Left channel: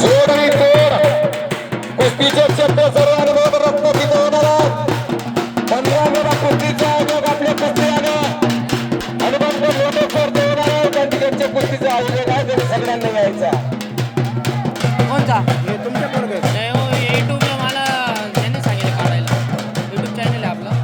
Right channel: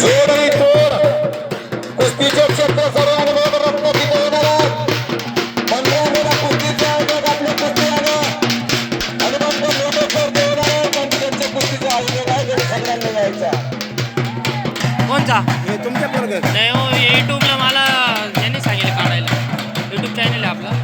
जोडी तोड कुस्तीचे क्षेत्र सर्व अनुभव रत्न तिथे होणार आहे. 15 वेळा कुस्तीचा आयोजक आपल्या कुस्ती हनुमंत लोटेश्वर देवराय आहे. त्यांच्या कुस्तीचा आयोजक आहे सगळ्यांनी यायचा. कोणचा तुमच्या बरोबर नाही हो युट्यूबला मला यांनी सांगितलं काढायला युट्यूब चॅनल आहे आपला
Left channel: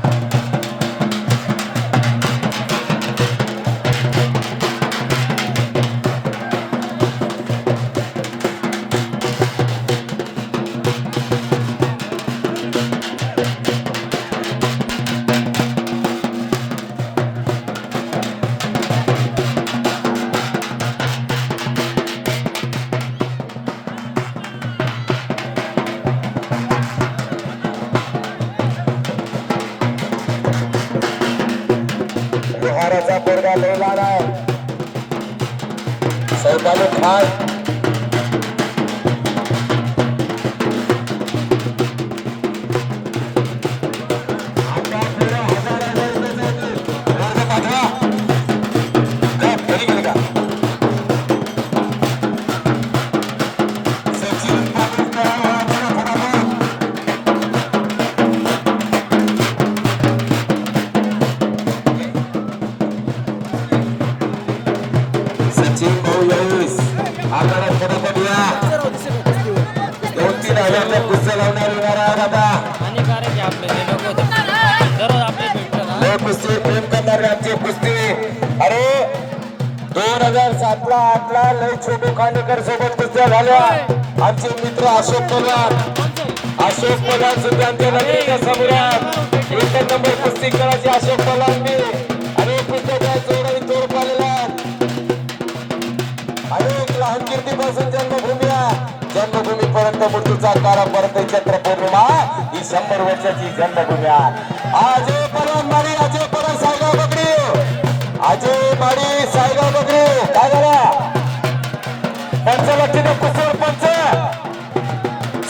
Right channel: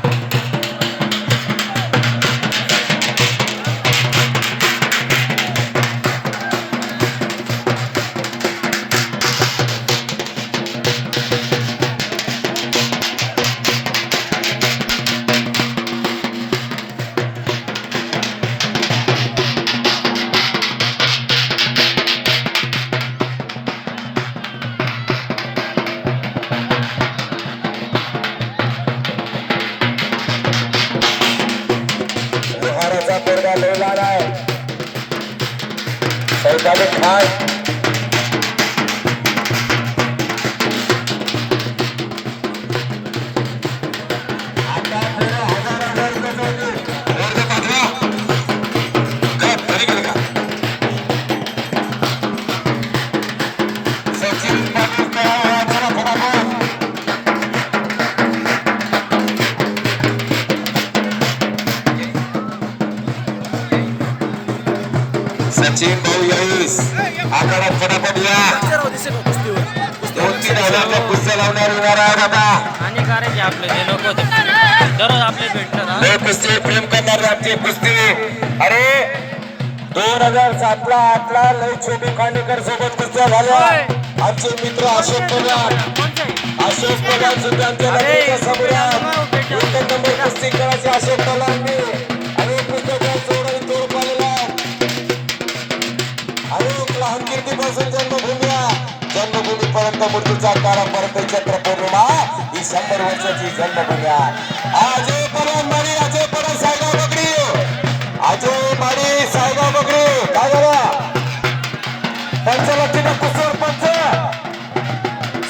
बिहाराचा पोरगा लयला आहे. सौदागर खान आता पुढे 1000 रुपये वर्ग पाठवा. जा, घरी गेले का? सचिन पाटील तयार आहे. चला, फटाफट. सचिन भाऊ याईस आकारात फटाफट या. कुस्तीवर 2-3 हजारच्या कुस्त्या लावणार येणार आहे आता. हानिकारक आहे आपलं ते नको होतं दररोज आपले भेटतात हा. हे कुस्ती प्रेम करणारे आमचे कुस्ती. अरे 2007 ला 8 ला लय छोटे खांडेकर सोबत कुस्त्या झाल्या. आमचे मित्र अशोक पवार कोणचं आहे? अशोक पवार सुद्धा आमच्या अरे, नंबरच्या समोर एक नंबर कुस्ती करायचे अशोक पवारांनी. अरे कुस्त्याच्या जोराने तोड पाडलेला. अनेक लहान कीर्तीपासून जन्मभूमीपर्यंत मृत्यूचा कारा परत चक्र पौर्णिमा ही 100 वर्षाची जन्मभूमी आहे. अजय परवान माडी अजय परवान सायगाव बकरी अजय माडी सायगाव बकरी काय झाला पंचलक्ष्मी कुसर पंच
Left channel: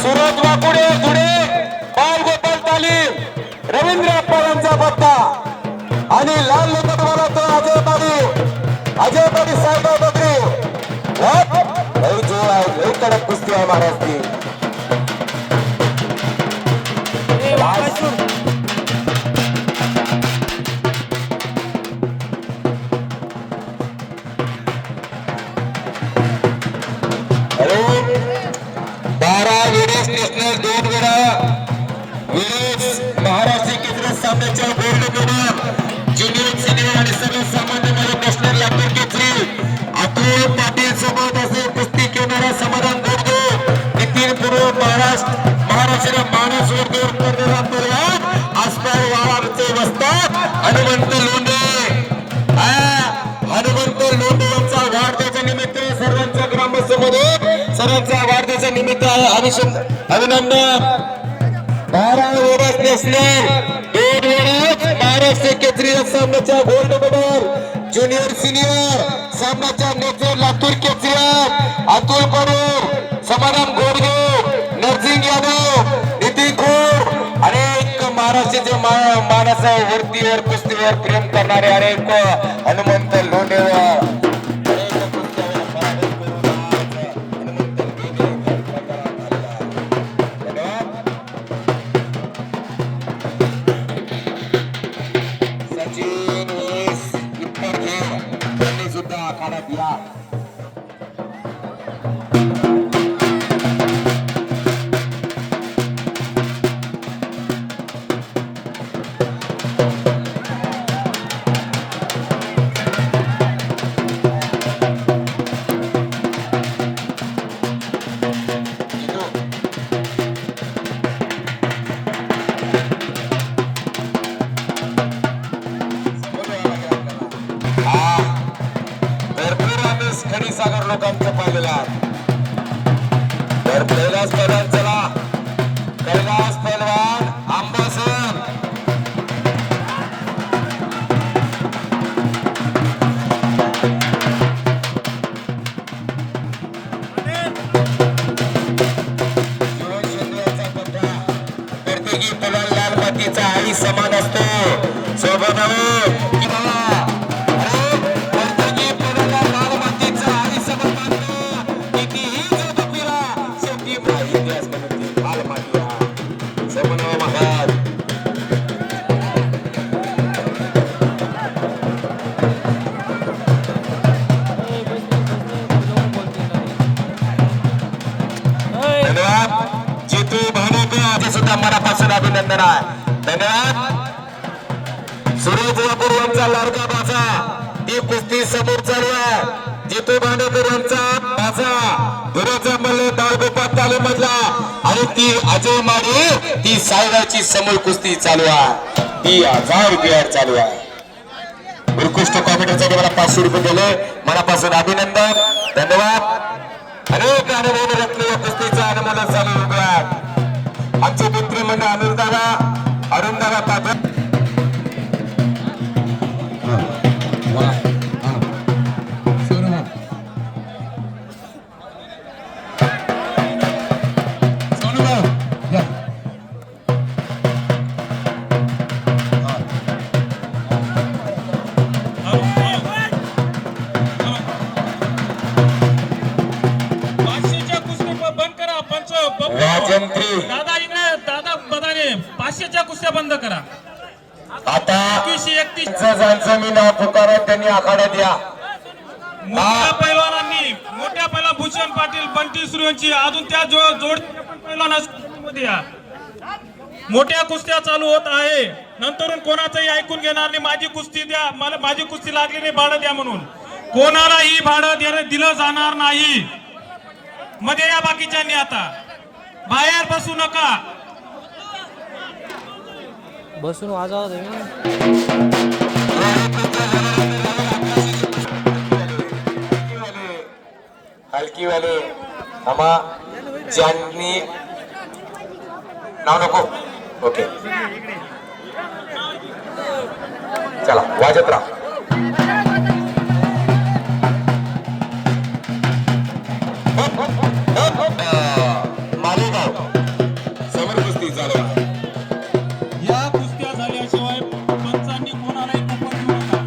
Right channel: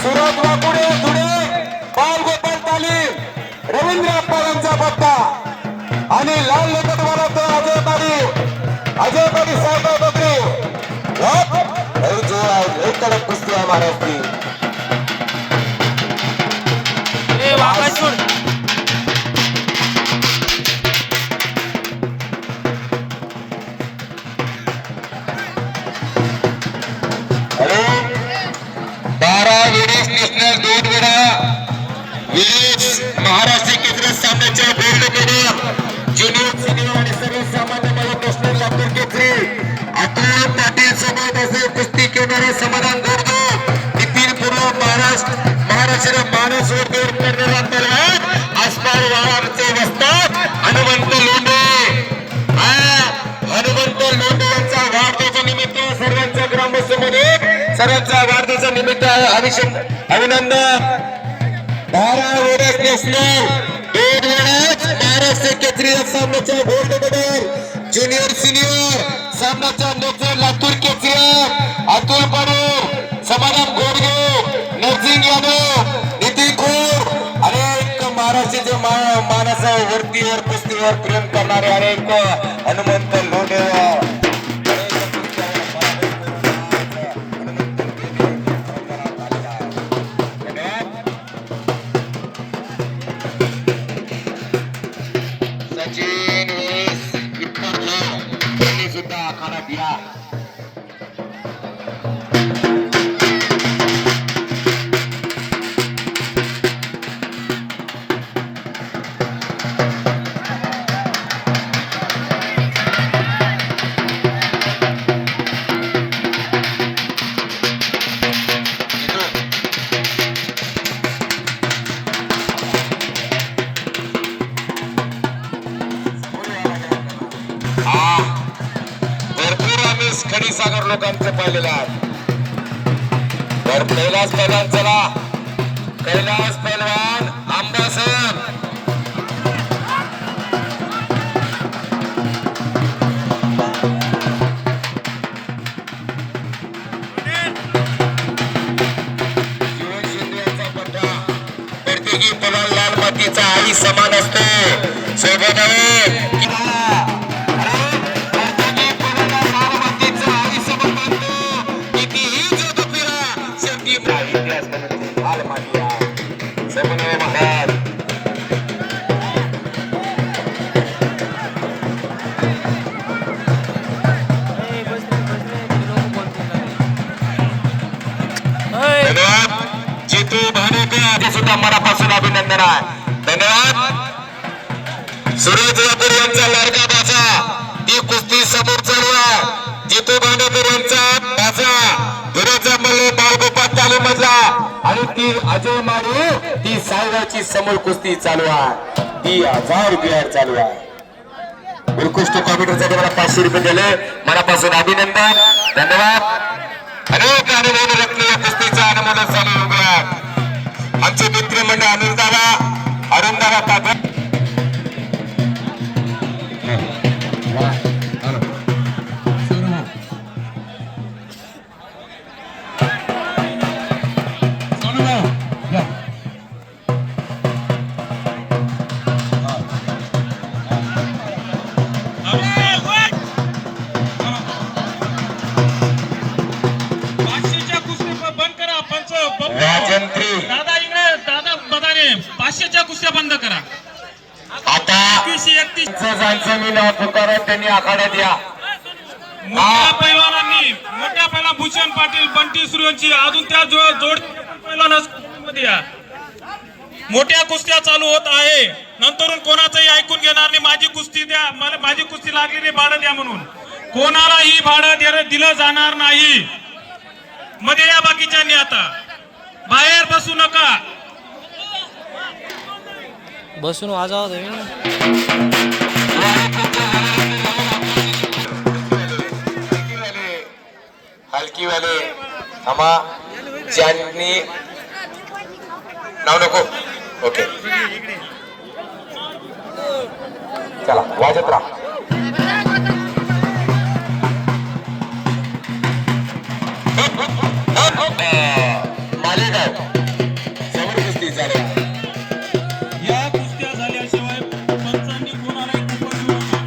सुरज वाकुडे पुढे बाल गोपाल तालीम रवींद्र अप्पारांचा पत्ता आणि लाल लेखत वाला तो अजय माडी सायगाव बकरी. लय जोर आहे लय कडक कुस्ती आहे महाराष्ट्री. ए वाका सोड अरे 12 वेळेस नॅशनल 2 वेळा वीस महाराष्ट्र केंद्र सामन्याच्या गोल्ड मेडल ज्युनियर सिनियर आणि सर्वसामान्य मला नॅशनल यात्रा केसरी अतुल पाटील सोबत असे कुस्ती करणारे समाधान गोडगे नितीन पूर्व महाराष्ट्र मानसवर दूर करणारा तलवार आसपास वाळाचे वस्तात हनुमंत लोंढे. हनुमंत लोंढे यांचा वाढदिवसा निमित्त सर्वांच्या ग्रामस्थांमध्ये सर्वांच्या वाढदिवसा निमित्त अभिनंदन. 12 वेळेस नॅशनल 2 वेळेस महाराष्ट्र केसरी सामन्याच्या गोल्ड मेडल ज्युनियर सिनियर सामन्याच्या नेते लातूर केसरी अतुल पवार समाधान गोडगे नरसिंग यादव नितीन खोर अनेक महाराष्ट्राचे मानस वरतीवर कुस्तीवर प्रेम करणारे अनेक हनुमंत लोंढे सचिन त्यांनी सुद्धा आखाड्यात या. भरपूर आम्ही खडीसागर लोकांचं पाहिलेलं आहे. तर कैलास पैलवान चला कैलास पैलवान आंबासन प्रत्येकी पलाल लाल मातीचा आई समान असतो सोबत आहे इतिहास बनवते हाल मारिया सगळे महाराज धन्यवाद जितू भाडेकर सुद्धा मनापासून अभिनंदन आहे धन्यवाद सुरेश वापूर यांचा लाडका बाचा ही कुस्ती समोर चालू आहे जितू भाडेकर यांचा बाचा धुऱ्याचा मल्ल बाळगोपाल तालीमधला आणि ती अजय माडी ती सायगावची समोर कुस्ती चालू आहे ती 1000 रुपयावर चालू आहे उत्कृष्ट कॉम्प्युटरसाठी मला 500 रुपये दिले मनापासून अभिनंदन धन्यवाद अनेक अनुभव रचलेल्या कुस्तीचा अनुमान चालू उभ्यात आमचे मित्रमंडळ अरुण दादा पाटील दादा इकडे दादा बदाने 500च्या कुस्त्या बंद करा आता 21-31 मी नाव पुकारत त्यांनी आखाड्यात द्या मोठ्या पैलवानांनी मोठ्या पहिला भूषण पाटील बंटी सूर्यवंशी अजून त्या जोड पैलवानामध्ये या मोठ्या कुस्त्या चालू होत आहे नंतरून कोणाचंही ऐकून घेणार नाही माझी कुस्ती द्या मला माझी कुस्ती लागली नाही भाडं द्या म्हणून कोणालाही भाडं दिलं जाणार नाही मध्ये या बाकीच्यांनी आता बाहेर बसू नका बसून वाजावं तुम्ही हलकी वाले थांबा ज्यांनी नाव नको ओके चला वाजत राहा मालेगाव समोर कुस्ती चालू या कुस्त्या झाल्याशिवाय पंचांनी कोणालाही कुपन देऊ नका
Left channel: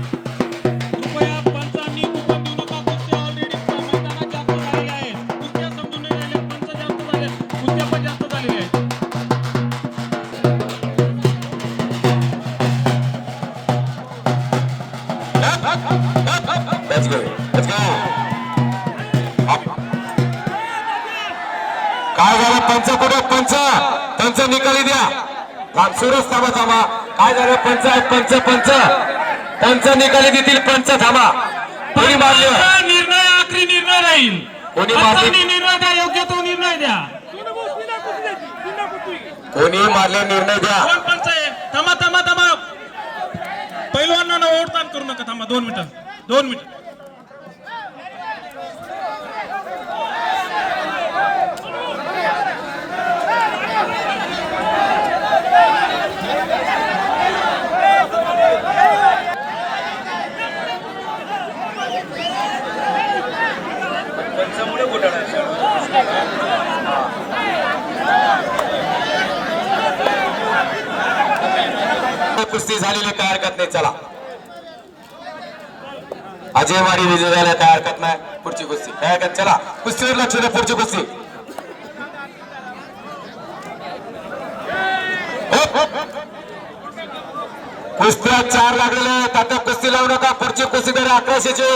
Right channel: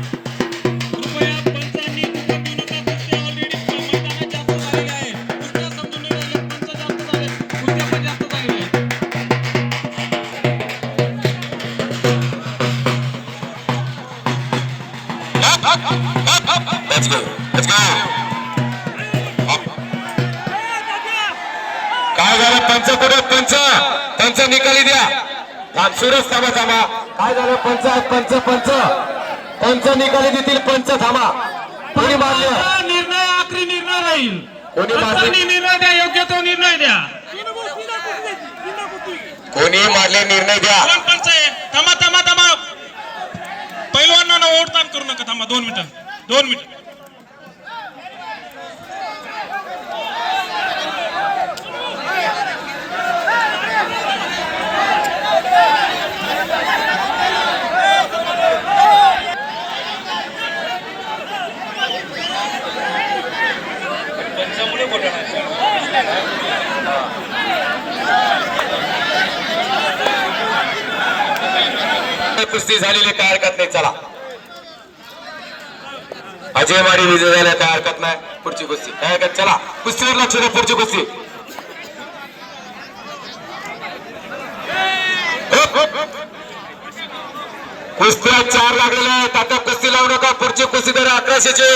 कृपया पंचांनी कुपन देऊ नका कुस्त्या ऑलरेडी मैदानात जास्त झालेल्या आहेत कुस्त्या समजून नाही राहिले पंच जास्त झाले कुस्त्या पण जास्त झालेल्या आहेत Let's go. Let's go. काय झालं पंच पुढे पंच त्यांचा निकाली द्या सुरेश थांबा थांबा काय झालं पंच पंच पंच पंच निकाली देतील पंच थांबा कोणी मारलं निर्णय आखरी निर्णय राहील कोणी मारले पंचांनी निर्णय द्या योग्य तो निर्णय द्या कोणी मारले निर्णय द्या कोण पंच आहे थांबा थांबा थांबा पैलवानांना ओढताण करू नका थांबा 2 मिनिटं 2 मिनिट कुस्ती झालेली काय हरकत नाही चला अजय माडी विजय झाला काय हरकत नाही पुढची कुस्ती काय हरकत चला कुस्तीवर लक्ष द्या पुढची कुस्ती कुस्त्या 4 लागलेल्या आहेत आता कुस्ती लावू नका पुढची कुस्ती तर 1100ची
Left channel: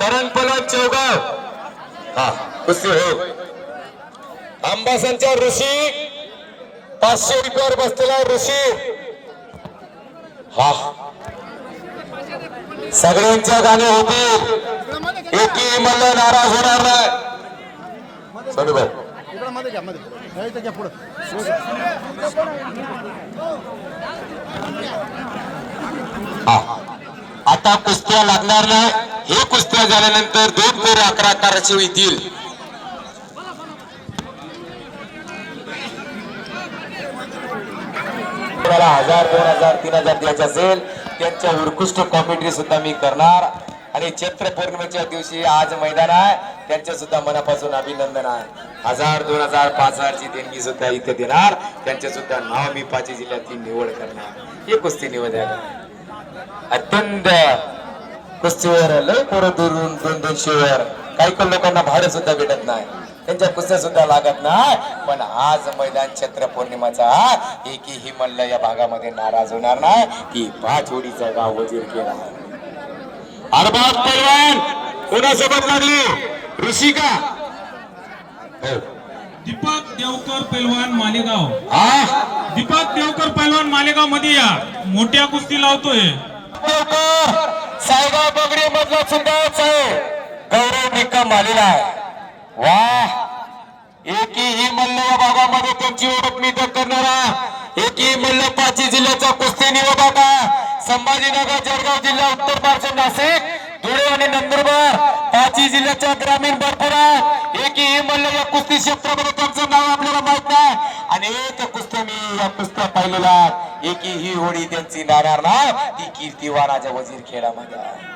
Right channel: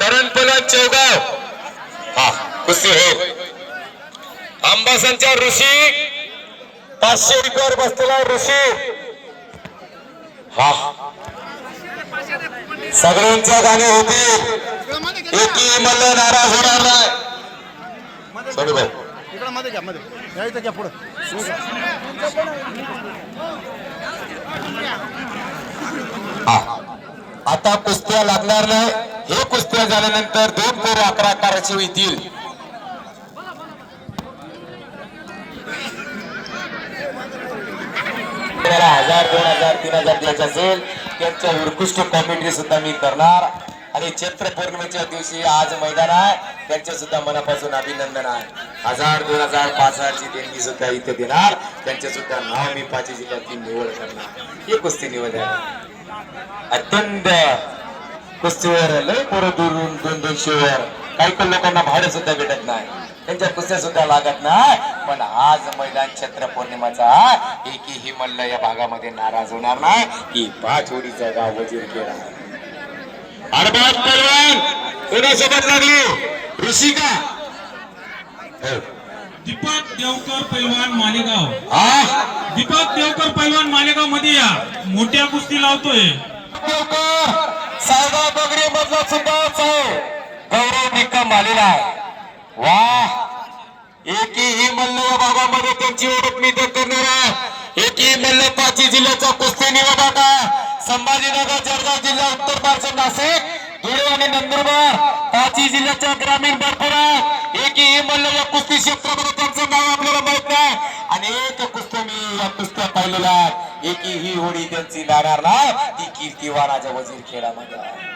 करण पलन चौगाव हा कुस्ती हो अंबासनच्या ऋषी 500 रुपयावर बसलेला ऋषी हा सगळ्यांच्या गाणे होते एकी मला नाराज होणार नाही सोडू भाई इकडं मध्ये घ्या मध्ये या इथं घ्या पुढे आता कुस्त्या लागणार नाही हे कुस्त्या झाल्यानंतर 2 फेऱ्या 11 होतील कोणाला 1000 2000 3000 द्यायचे असेल त्यांच्या उत्कृष्ट कॉमेंट्री सुद्धा मी करणार आणि चैत्र पौर्णिमेच्या दिवशी आज मैदान आहे त्यांचे सुद्धा मनापासून अभिनंदन आहे 1000 2000 5000 ची देणगी सुद्धा इथे देणार त्यांचे सुद्धा नाव मी 5 जिल्ह्यातली निवड करणार ही कुस्ती निवड आहे अत्यंत कुस्तीवर लय पोरं दुरून 200-200 वर काही लोकांना भाडं सुद्धा भेटत नाही त्यांच्या कुस्त्या सुद्धा लागत नाही. पण आज मैदान चैत्र पौर्णिमाचा एकही मल्ल या भागामध्ये नाराज होणार नाही की पाचोडीचं गाव वजीरखेड आहे. अरबाज पैलवान कोणासोबत लागली ऋषिका दीपक देवकर पैलवान मालेगाव. हा दीपक देवकर पैलवान मालेगाव मध्ये या, मोठ्या कुस्ती लावतोय. सायगा बगडी मधला सुद्धाच आहे, गौरव निकम आलेला आहे. वा एकही मल्ल या भागामध्ये त्यांची ओळख मी तर करणार आहे. एकही मल्ल पाची जिल्ह्याचा कुस्ती निवड का संभाजीनगर, जळगाव जिल्हा, उत्तर महाराष्ट्र, नाशिक, धुळे आणि नंदुरबार पाची जिल्ह्याच्या ग्रामीण भरपूर आहे. एकही मल्ल या कुस्ती क्षेत्रामध्ये त्यांचं नाव आपल्याला माहित नाही. अनेक कुस्त्या मी या कुस्त्या पाहिलेल्या आहेत. एकही होडी त्यांची लागणार नाही. ती कीर्तिवानाच्या वजीर खेळामध्ये आहे.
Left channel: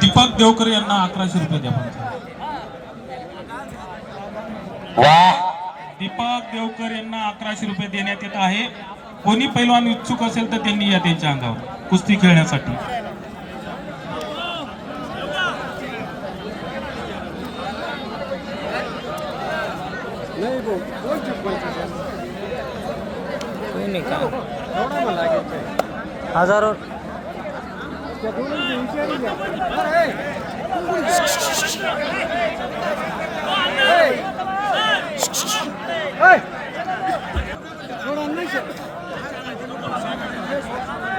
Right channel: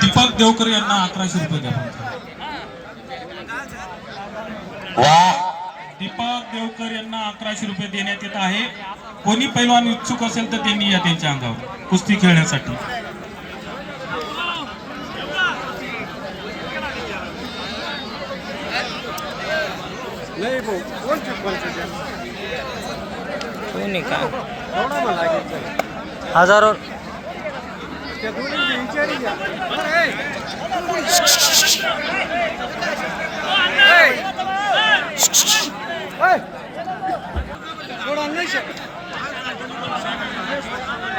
दीपक देवकर यांना 1100 रुपये द्या. वा दीपक देवकर यांना 1100 रुपये देण्यात येत आहे. कोणी पैलवान इच्छुक असेल तर त्यांनी या त्यांच्या अंगावर कुस्ती खेळण्यासाठी. कोणी का हजारो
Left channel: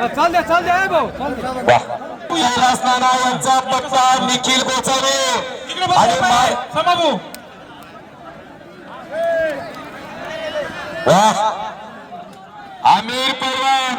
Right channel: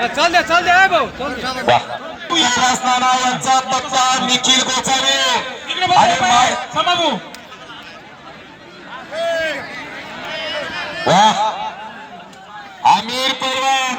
चाल दे आहे भाऊ. यांचा पत्ता निखिल गोसावी आणि समाभू वा आमिर पैलवान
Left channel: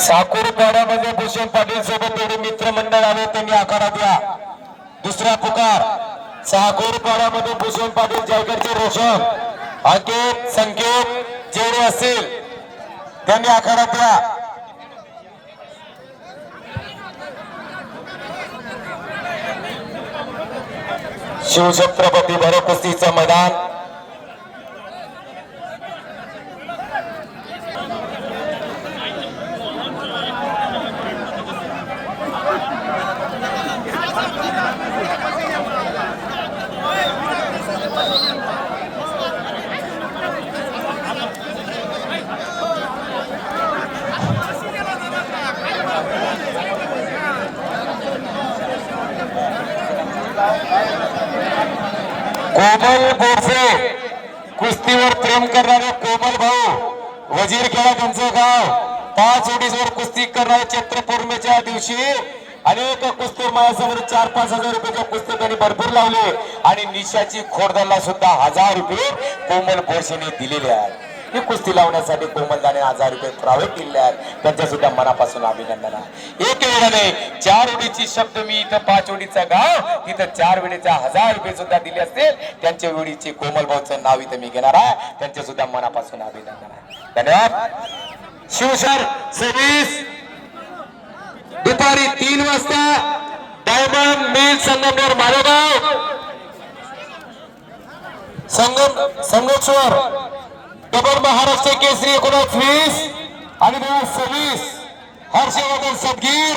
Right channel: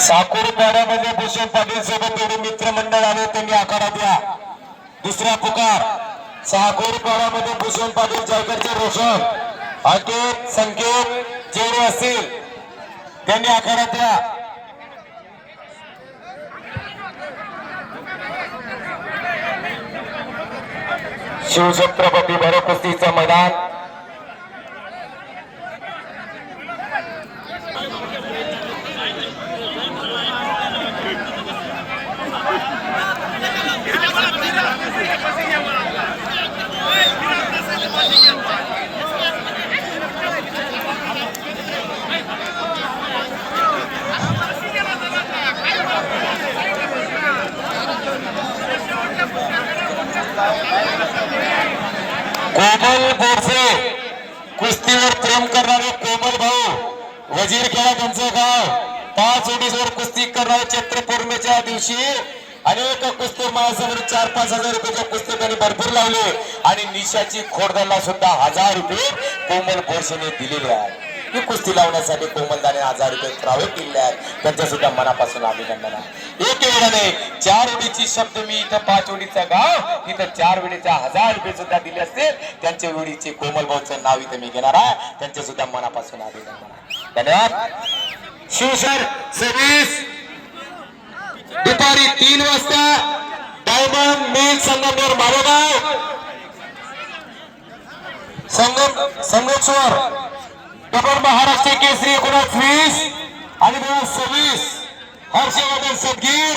साकुरपाड्यामध्ये भूषण पाटील सोबत एवढे मित्रमंडळ आले, त्यांनी आखाडा द्या. दुसरा पुकार साकुरपाड्यामध्ये भूषण पाटील, जायकरचे रोशन, अंकित, संकेत जेवढे असतील त्यांनी आखाडा द्या. शिवछत्रपती भरत कुस्तीचं मैदान कोमल गोडसे, कुस्तीवर प्रेम करणारे कोमल भाऊ वजीरखेडा त्यांचं गाव. 5 ओडीवर कुस्ती करणारे चैत्र पौर्णिमेच्या दिवशी अनेक कुस्ती महासंघाने 4-5 हजार रुपयाच्या कुस्ती त्यांनी भरपूर लावले आणि निशाची खोडदरला सुद्धा 1000 रुपये कोमल गोडसेने दिलेले आहेत. ही कुस्ती लावण्यासाठी कोमलदाने 1000 रुपये प्रावे केले आहेत. त्यांच्या सुद्धा मनापासून अभिनंदन आहे. एक एवढं नाही, 4 ओडीची शब्द मी इथं 5 ओडीचं गाव, तिथं 4 वेळेच्या 1000 रुपये सुद्धा दिले असतील. त्यांच्या वेळीचे कोमल भाऊचं नाव इथं मी घेणार आहे. त्यांच्या सुद्धा मनापासून अभिनंदन आहे. धन्यवाद. शिवसर 26 दुपारी 3 वाजता diamond mill Sangameshwar Malegaon Sangameshwar double Maharashtra Kesari 19-20 आणि 26 हर्षवर्धन सदगीर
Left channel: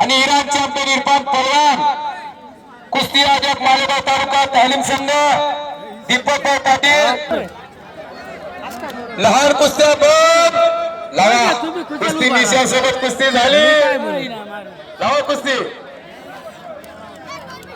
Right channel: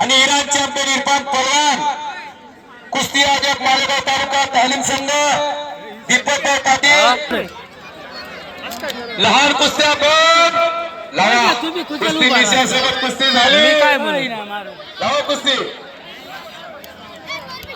आणि इराण चॅम्पियन इरफान पहलवान कुस्ती आयोजक मालेगाव तालुका तालीम संघ दीपकभाई पाटील लहान कुस्त्या बंद लावा कुस्ती विषयासोबत कुस्ती झाली लावा कुस्ती